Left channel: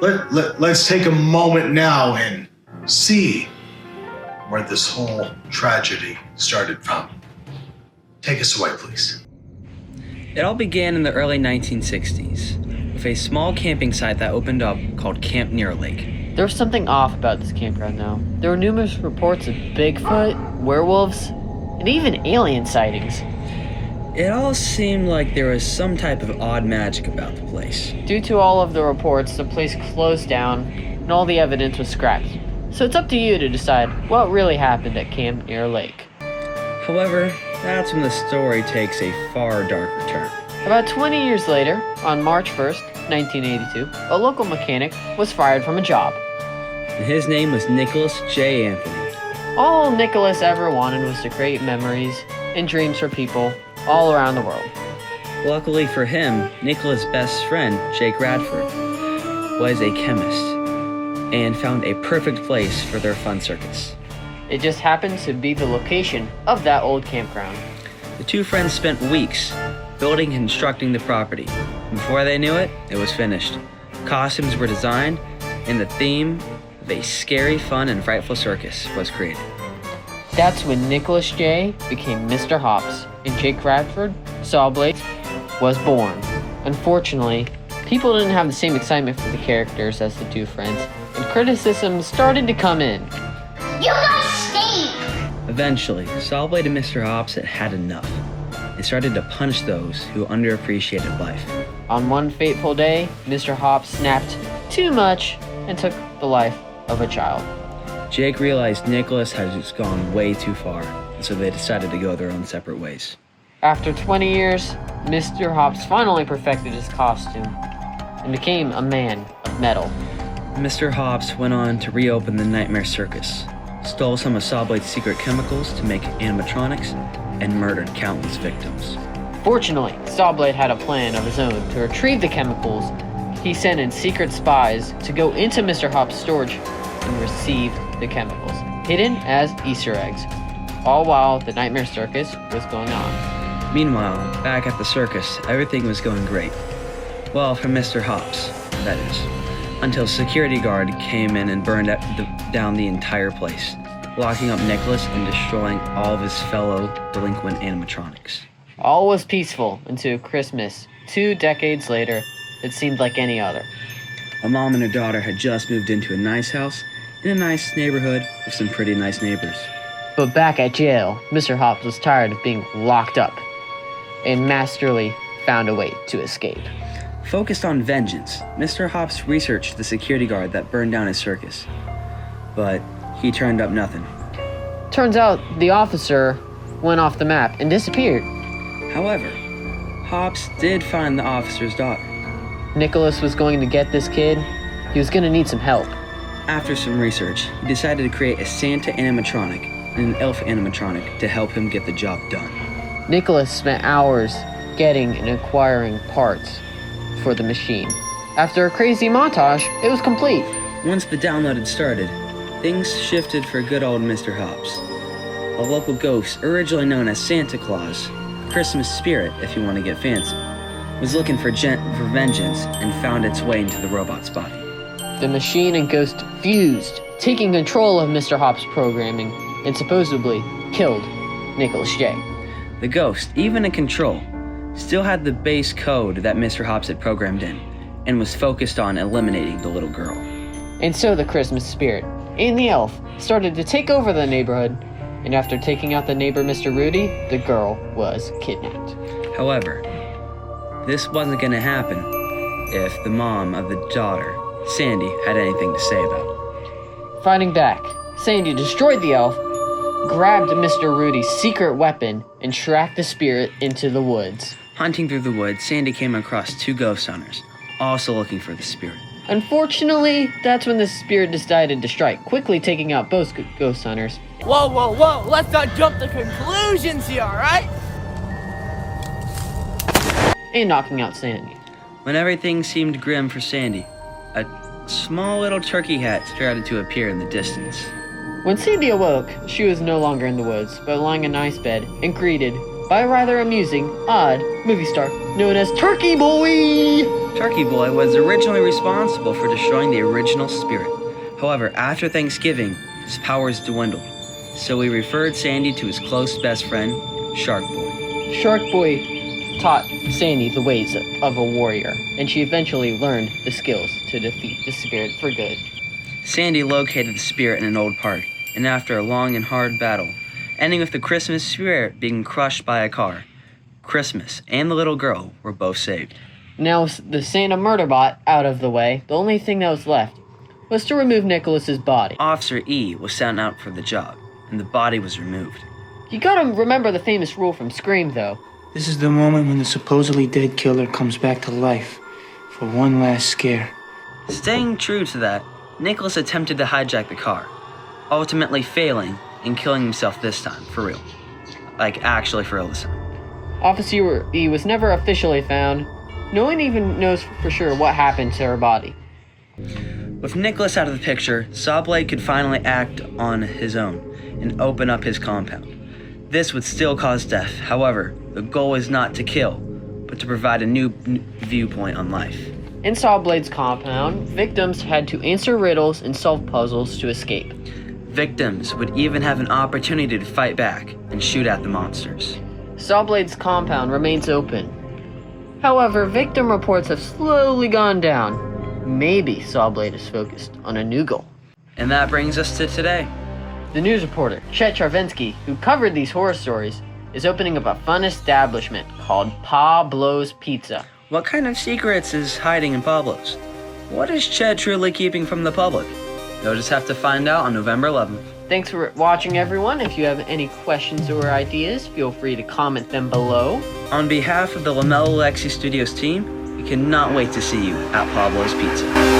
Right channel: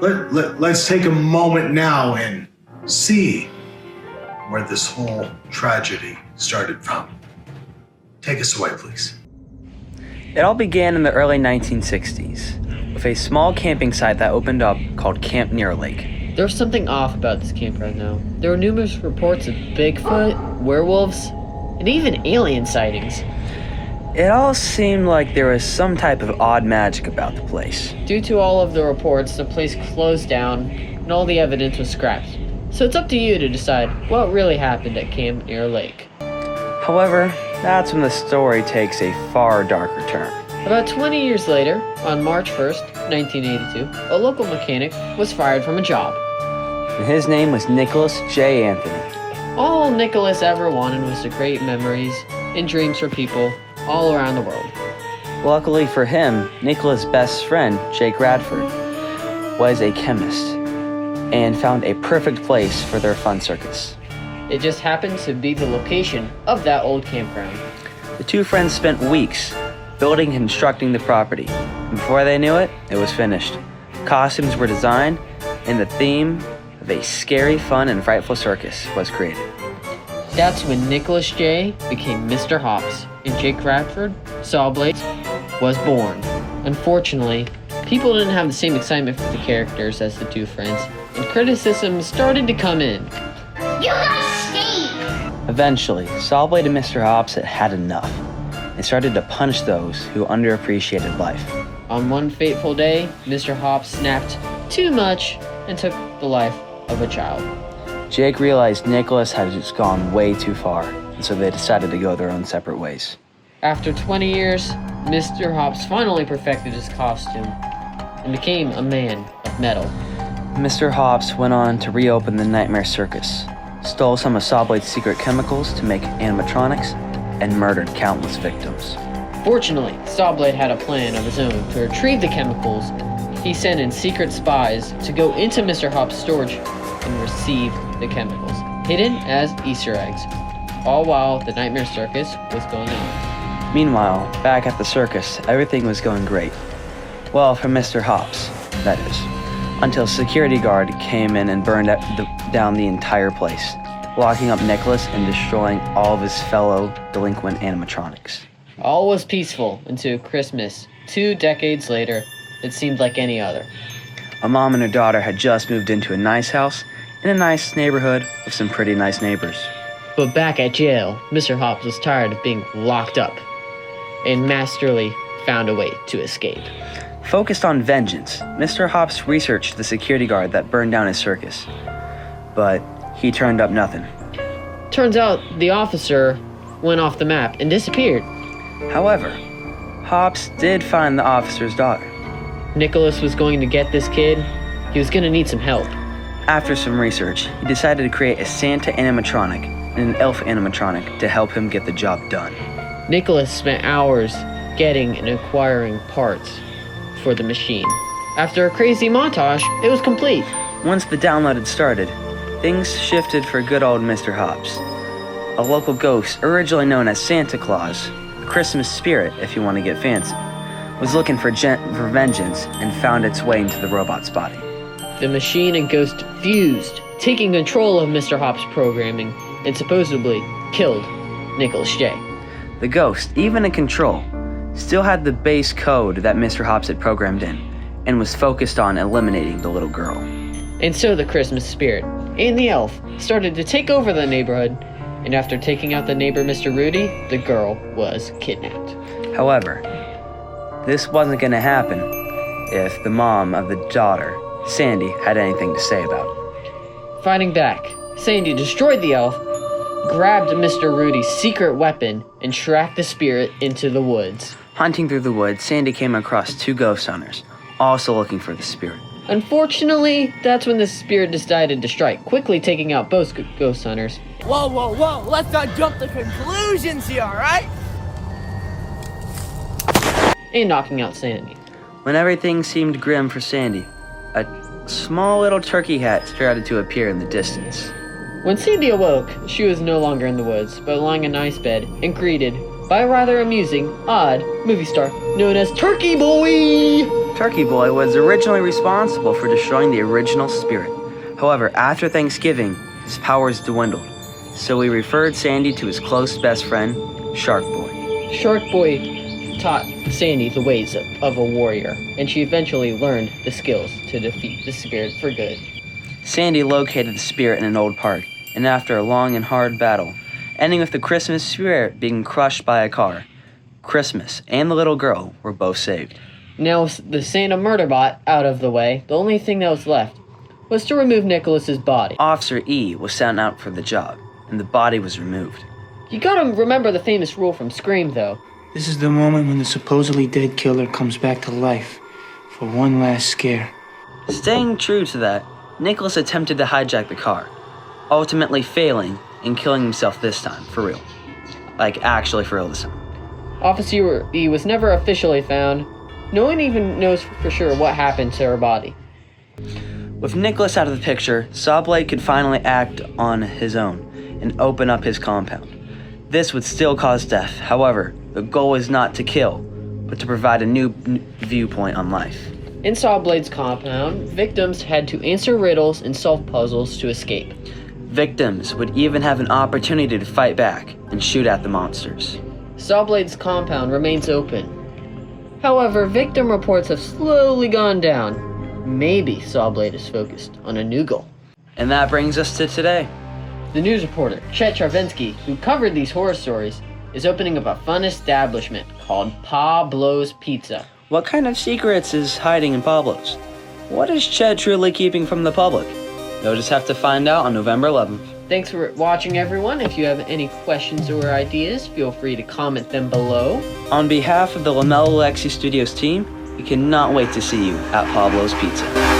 let's take a moment now and see where this whole tragedy started from. Take us away, please. It all began in the early 1960s with a small camping site that opened up called Camp Near Lake. There was something off about this campground, though. There were numerous reports of Bigfoot, werewolves, and even alien sightings. It all seemed like there was some type of odd magic about the place. Due to all of the reports, the place closed down, and all the evidence was scrapped. So it's up to you to decide what really happened at Camp Near Lake. However, that's when the story takes a far darker turn. About 20 years later, on March 1st, 1982, a local mechanic was fired from a job. And his name was Nicholas J. Anthony. All Nicholas ever wanted was to create memories and dreams for people all around the world. Luckily for him, Nicholas' best friend, Jake Radford, was a chemist and found a perfect place for their fun circus. It just happens to be the location of that old campground. The two friends spent weeks building and constructing the property. And before they knew it, it was finished. Costumes were designed, and the theme of a scary, fun, and frightful circus was created. That's when Nicholas J. became Mr. Hops, and Jake Radford, Sawblade, was born. Unfortunately, people didn't have the same excitement for the characters as the two friends, and criticism started to come in. You guys stink! Eventually, Sawblade and Mr. Hops had had enough and started to punish those who underappreciated life. On one fateful day, Mr. Hops snapped too much and took the life of a child. Jake realized Nicholas had just gone way too far, and so they decided to go their own separate ways. After 20 years, Mr. Hops finally perfected his costume and became a man of metal. Mr. Hops went on to reopen the Nightmare Circus, stole some of Sawblade's secret chemicals to make animatronics, and murdered countless victims. Fortunately, Sawblade had a plan of his own to retrieve the chemicals. He sent in secret spies to go into Mr. Hops' storage and receive the chemicals, hidden as Easter eggs, all while the Nightmare Circus was going on. Meanwhile, back at the circus, everything was going great. Well, for Mr. Hops, that is. Until a security guard came in and burned down the entire place, locking up Nicholas and destroying all of his fellow delinquent animatronics. All was peaceful until Christmas. 2 decades later, it seemed like any other. A mom and her daughter had just moved into a nice house in a nice neighborhood with some pretty nice neighbors. But back at jail, Mr. Hops was tired of being locked up and masterfully found a way to escape. Focused on vengeance, Mr. Hops researched the security guard that burned down his circus, but he turned up nothing. Turns out the officer went off the map and disappeared. However, Hops did find the officer's daughter. Nicholas was going to get this kid. He was going to need some help. After some research, he decided to create a Santa animatronic and an elf animatronic to help him get the job done. Nicholas spent hours getting and acquiring parts for the machine. After a crazy montage, it was complete. Once the download had started, things shifted for good old Mr. Hops. A local ghost, originally known as Santa Claus, a Christmas spirit if you want to get fancy, was looking for vengeance and found its way into the robot's body. The machine and ghost fused, taking control of Mr. Hops' programming, and supposedly killed Nicholas J. The ghost, even in control, still had the base code that Mr. Hops had programmed in, and was focused on eliminating the little girl. And so the Christmas spirit and the elf started to take over the neighborhood, and after taking out the neighbor Mr. Rudy, the girl was kidnapped. However, this wasn't going to happen if the mom of the daughter, Sandy, had anything to say about it. Fighting back, Sandy destroyed the elf, grabbed Mr. Rudy's secret weapon, and tracked the spirit into the woods. Hunting through the woods, Sandy came across 2 ghost hunters, also looking for the spirit. Unfortunately, that's when the spirit decided to strike, quickly taking out both ghost hunters. Whoa, whoa, whoa, let's not jump to conclusions here, alright? And knocking out Sandy. When everything seemed grim for Sandy, a small little turkey hat started to appear in the distance. When Sandy awoke, she was no longer in the woods, but lying in a nice bed, and greeted by a rather amusing, odd movie star known as Turkey Boy! Turkey Boy was originally responsible for destroying the original spirit. However, after Thanksgiving, his powers dwindled, so he referred Sandy to his close best friend, Shark Boy. Shark Boy taught Sandy the ways of a warrior, and she eventually learned the skills to defeat the spirit for good. Sandy located the spirit in an old park, and after a long and hard battle, ending with the Christmas spirit being crushed by a car, Christmas and the little girl were both saved. Now with the Santa murder bot out of the way, the only thing that was left was to remove Nicholas's body. Officer E was sent out for the job, and the body was removed. You gotta remember the famous rule from Scream, though. This is the moment when the supposedly dead killer comes back to life for one last scare. Staying true to that, Nicholas attempted to hijack the car, ultimately failing and killing himself this time, for real. Like, actually for real this time. Officer E was never officially found. No one even knows for sure what happened to her body. With Nicholas out of the picture, Sawblade could finally act on his own and open up his compound. This would still cause death. However, the goal is not to kill, but to provide a new viewpoint on life. In Sawblade's compound, victims had to answer riddles and solve puzzles to escape. Victims would even have an opportunity to fight back and shoot at the monsters. Sawblade's compound remains open. However, victim reports have slowly gone down. Maybe Sawblade is focused on a new goal. And that brings us to today. The news reporter, Chet Charvinsky, who covered these horror stories, is opening up a fun establishment called Pablos Pizza. What kind of secrets is hiding in Pablo's? What is Chet truly keeping from the public? You'll just have to find out on November 11th. Thanks for watching, everyone. If you have any questions or ideas, feel free to comment them below. On behalf of the Lamello Lexi Studios team, we cannot wait to see you at Pablo's Pizza.